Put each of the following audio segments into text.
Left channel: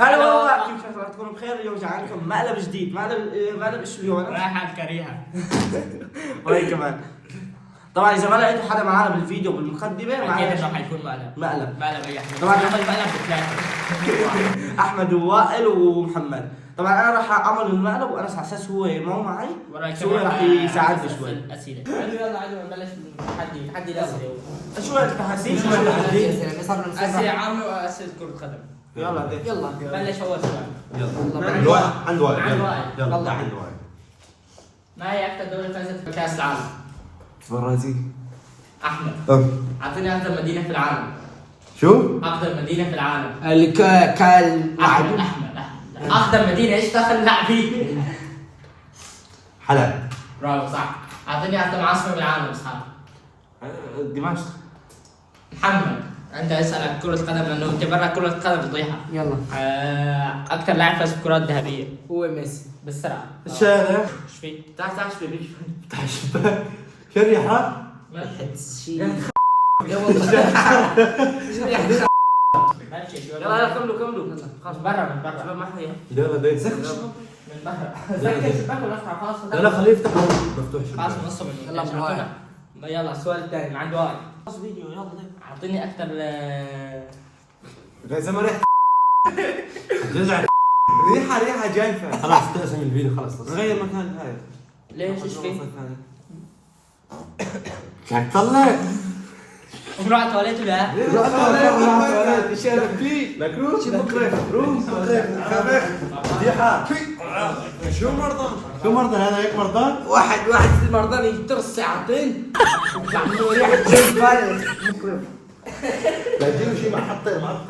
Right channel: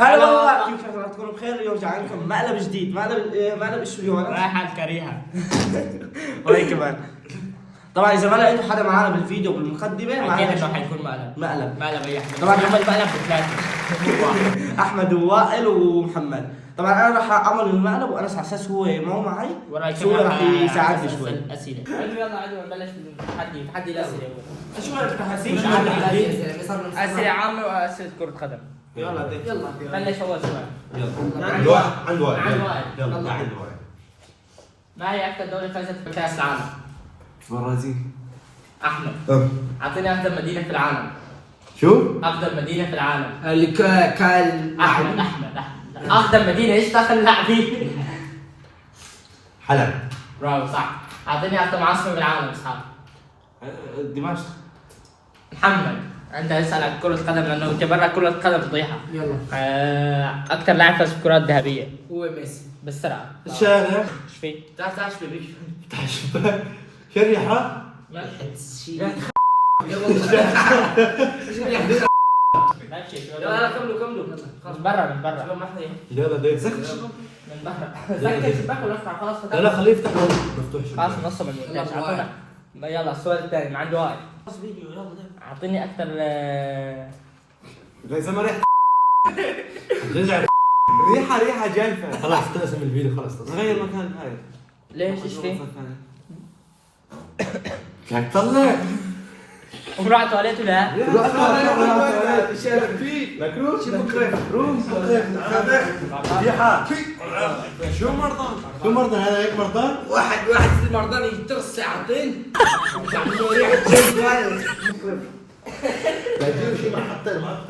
هلا والله، كيف حالكم؟ بخير. اليوم جاي عندكم مقلب جديد. مقلب ايش اليوم؟ رايحة كريهة. وهي كمان. طبعا اذا ما لقيتوا حدا معنا بالفيديو بالمقدمه معنا أكيد حيكون مقلب. مقلب أي أحمد. طبعاً نعمل مقلب بثلاثة. احمد ووائل ومحمد. طبعا انا راح اعمل المقلب وانس على اساس هو مو معي، بس هو راح يساعدني شوي. الأسئلة. يلا عادي نبلش بالتحدي الأسئلة. شو التحدي؟ أسئلة عامة وأسئلة كرة قدم. يلا بلش أول سؤال. يلا عند وائل. يلا يلا عند وائل. ما هي أكثر دولة فازت بكأس العالم؟ برازيل. أحمد. أعطيني أقدم مدينة في العالم. شو؟ أقدم مدينة في العالم. أحمد. أقدم مدينة إيش دخل اللاعبين؟ حلب. برافو صح. أعطيني أقدم عاصمة بالعالم إسحاق. دمشق. محمد. أنت اسأل عن كرة قدم لأنه أنت برا كرة قدم فضيحة. يلا. أكثر لاعب فاز بالكرات الذهبية. هو ميسي. بالسرعة. الشارع. إيش فيه؟ تعال شوي بيك. تحت الشباك. شريحة. يا والله. يلا كملوا. خلاص برا من برا. شباب ما حدا يلا ده من برا. زكي الشباك ولا افتح خلاص. لا خليه يفتح مفتوح خلاص شباك. نص من يلا بواحد. يلا السؤال الثاني عند وائل. خلص فيديو يلا. أعطيني أكثر زي ما ريحة. تزعل. ريحة جايفة. خلاص تقسم الفيديو خلاص. نغير مكان هاي. ليش ايش فيه؟ قاعد تطلع. ومروح على التواليت ولا؟ ريحة. شو مرضان هذا هيك مرضان؟ واحد في المرضان يترس ساعتين. يعملوا ريحة جيم فايروس. لا تجيب شيء معطر.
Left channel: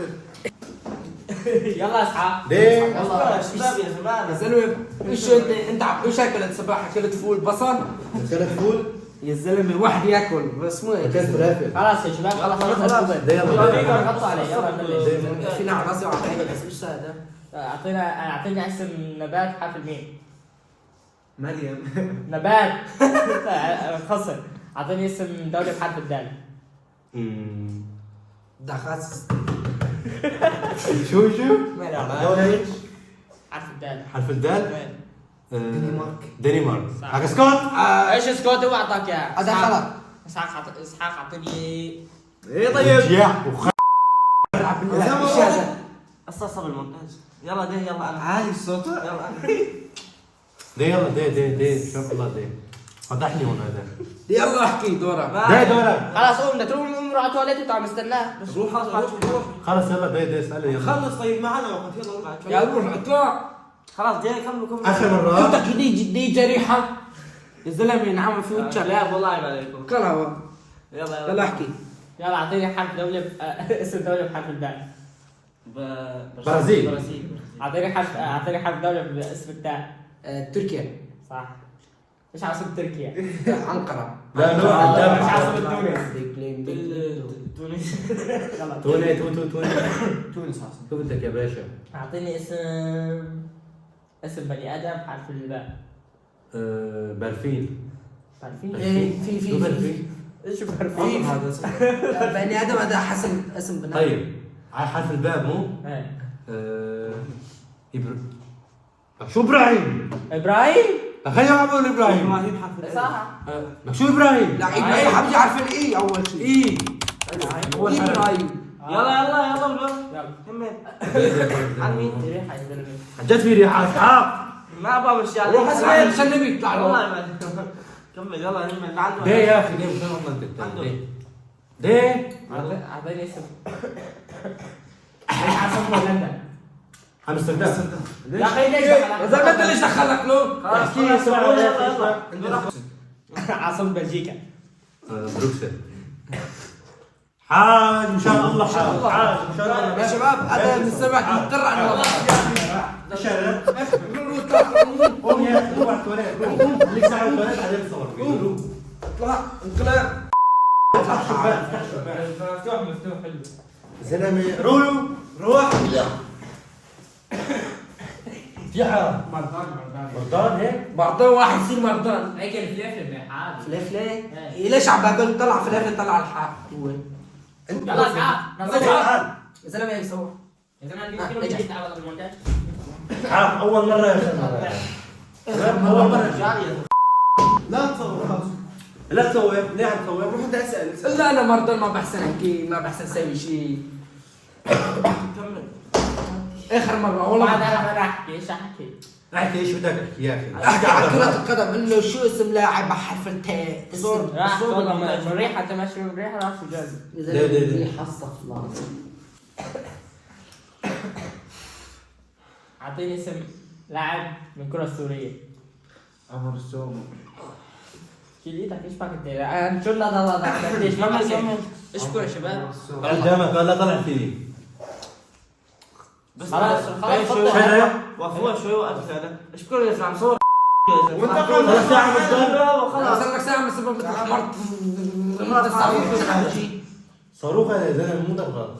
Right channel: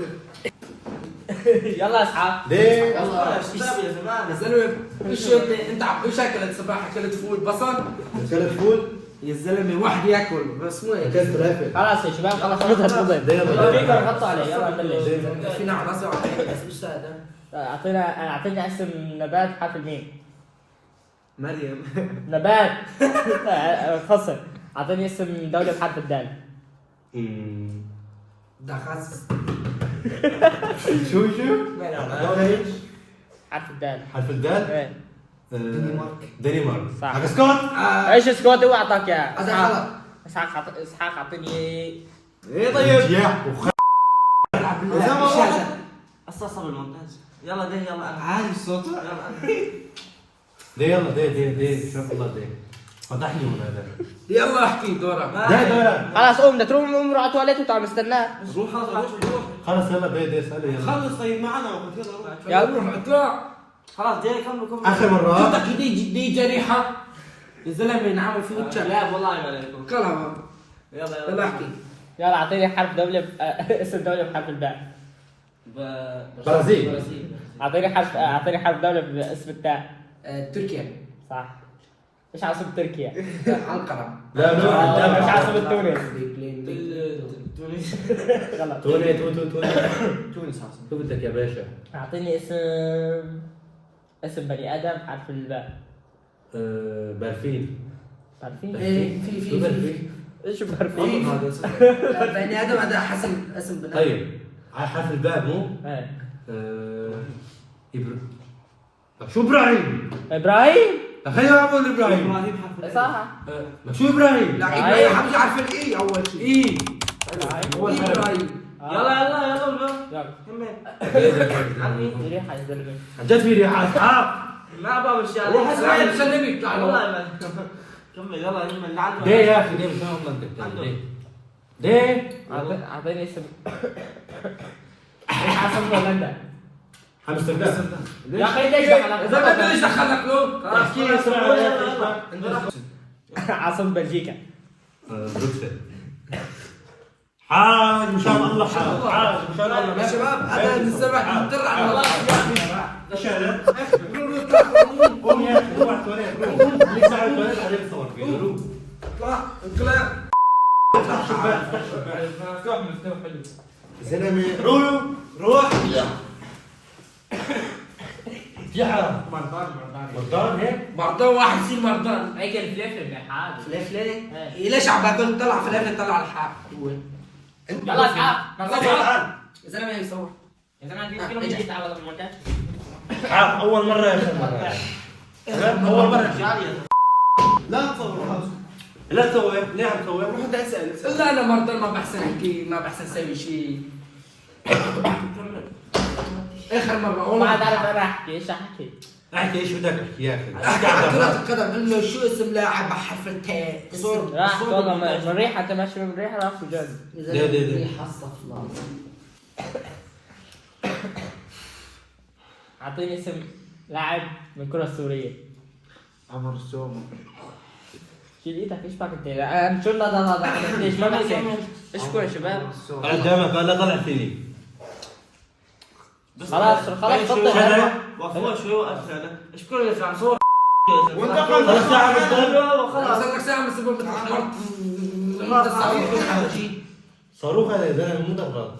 يلا اسحاق. ليه؟ يلا شباب يا زلمه. يا زلمة شو انت ايش اكلت صباح؟ اكلت فول بصل؟ اكلت فول؟ يا زلمة واحد ياكل بس مو اكلت فلافل. خلاص يا شباب خلاص ده يلا. غطوا علي يلا نبلش. في نعم راسي وعطيني بس مش هذا. اعطينا اسم نبات بحرف الميم. مريم. نبات. خصر. اعطيني اسم دولة بحرف الدال. دخس. شو؟ دولة ايش؟ حرف الدال. حرف الدال؟ إيه. دنمارك. صح. حق سكوت؟ ايش سكوت هو اعطاك اياه؟ هذا غلط. اسحاق اعطيني. ايه طيب. يا وخ. العب بالله مش هذا. اصلا بالمونتاج. يلا ده يلا انا عالي الصوت. ده يلا ده شوف الله ده. فضحني هون هذا. يلا احكي دورك. ده دورك. خلاص قوم بدك تروح روح على التواليت وانت عم مستناه. روح روح. خلص يلا ده اسأله يلا. خلص طيب معنا وقت يلا روح. يا روح اطلع. خلاص ده كملوا. آخر مرة. كنت جديد جريحة. يا زلمة نعمل في وجهك. لا والله ما عليكم. كلها. يلا احكي. يلا اعطيني حرف دولة اسم دولة بحرف الباء. برازيل. اعطيني حرف دولة باسم التاء. تركيا. صح. ايش عاصمة تركيا؟ أنقرة. لا نور ايش عاصمة تونس؟ تونس. يلا تونس شو بدك يا باشا؟ اعطيني اسم بني ادم بحرف الباء. برفين. عارفين؟ شو برفين؟ ايش في عارفين؟ هذا اسم بني ادم هذا حسن اسم بني طيب على حرف الباء مو؟ ايه شو ابراهيم؟ ابراهيم؟ خلينا نعمل ابراهيم. صح. شو ابراهيم؟ لا ابراهيم حبيبي عارف الاي اول شيء ايه اول ابراهيم يلا يلا كمل. ريحة يا زلمة. جد في ريحة اسحاق. ما ابغى مش روح اسمع سلمي يطلع له والله ما كمل يلا يمين نعلم. ليه يا اخي ليه مش والله انت بتعمل ليه؟ اعطيني اسم. عاصمة هولندا. امستردام. يا اخي ليش اذا ما ليش دخلك له احكي اسمع. عاصمة بلجيكا. بروكسل. حاج ان شاء الله حاج ان شاء الله يا شباب انا من السبع مضطر على والله قوم يا اخي روح على التواليت روح خليك ساعة التواليت بعدين نصور فيديو روح. اطلع افتح شباك مفتوح حلو. زلمه روح في حرام مرضان هيك مرضان واحد يصير مرضان هيك الفليفل بالحال. ليش ليش عم بقول طلع في الاخر طلع على الحق هو يلا اسحاق. يا زلمه هي صور اذا عندي كيلو جديد على المونتاج. عارف اول مره يا اخي مره تمام اول مره لا تصور خلاص. لا تسوي ليه عم تسوي؟ روح انت اسال لا انا مرضى ما بحسن احكي ما بحسن اسوي شيء. اخر مره ما والله انا راح احكي ايش احكي؟ احكي ايش بدك تحكي يا اخي؟ احكي على كرة القدم انه شو اسم لاعب بحرف التاء اسم راح والله مريحة تمشي مريحة راح في جد. دي. حصل الله. اعطيني اسم لاعب من الكرة السورية. عمر السومه شيل ايدك ايش بك انت؟ لا شو لا ليش ما بصير؟ ايش كرة شباب؟ قدامك لا طلع فيني خلاص وقفوها شوي وقت ايش كل اللي عم صور وانت خلص ساعه بالضبط خلاص صار لك ساعه من سبب صاروخ يا زلمه مو غلط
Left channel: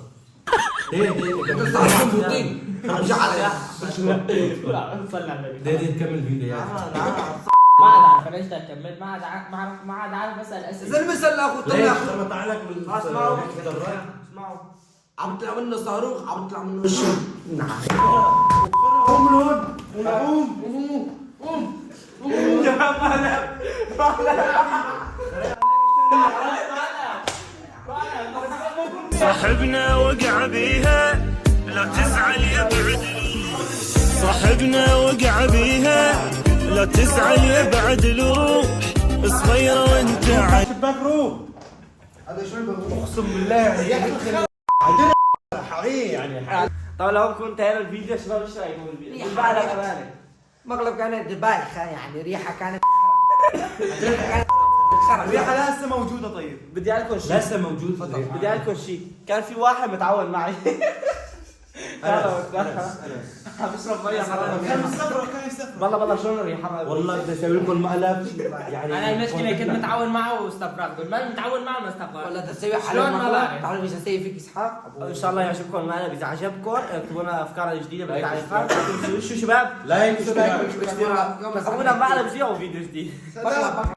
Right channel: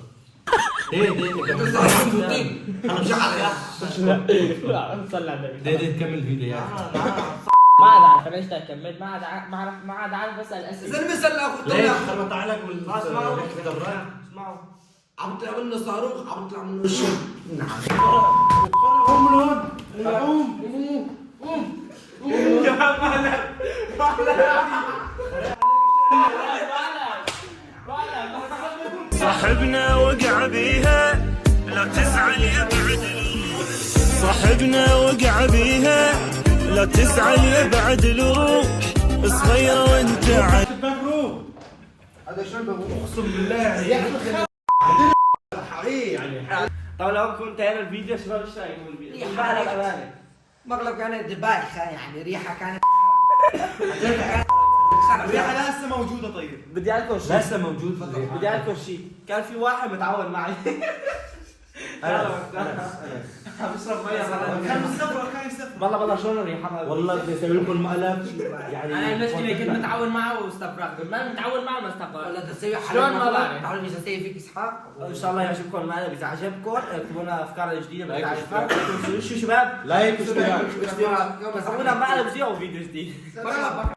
دي دي كمل الفيديو يعني ما عاد عارف ليش كملت ما عاد عارف اسال اسئله. زلمه سال اخو ليش طلع لما طلع لك اسمعوا اسمعوا عم يطلع منه صاروخ عم يطلع منه شو. قوم من هون قوم صاحبنا وقع بيها لا تزعل يبعد صاحبنا وقع بيها لا تزعل يبعد الروح صغيرة وانت عاد شباك روح هذا شو اقسم بالله يعني طبعا لو كنت انتهينا الفيديو شباب ايش رايكم بالفيديو؟ بعد الاغاني مغلب كانت بايخه يعني ريحه كانت الريحه لسه موجوده طيب بدي اذكر شيء لسه موجود الريحه بدي اذكر شيء كان في واحد متعاون معي عم يشرب ميه والله شلون الريحه والله بدي اسوي لكم مقلب يعني انا المشكلة كنت متعاون معه واستفرغت، ما متعاون معه ما استفرغت. ولا تسوي شلون ما بعرف؟ تعالوا ايش اسوي فيك اسحاق ان شاء الله يعجبكم المقلب. اذا عجبكم اكتبوا لنا افكار جديده بتعرفها شو شباب لايك واشتراك اشتراك يوم سووا لنا مقلب زي او فيديو جديد. السلام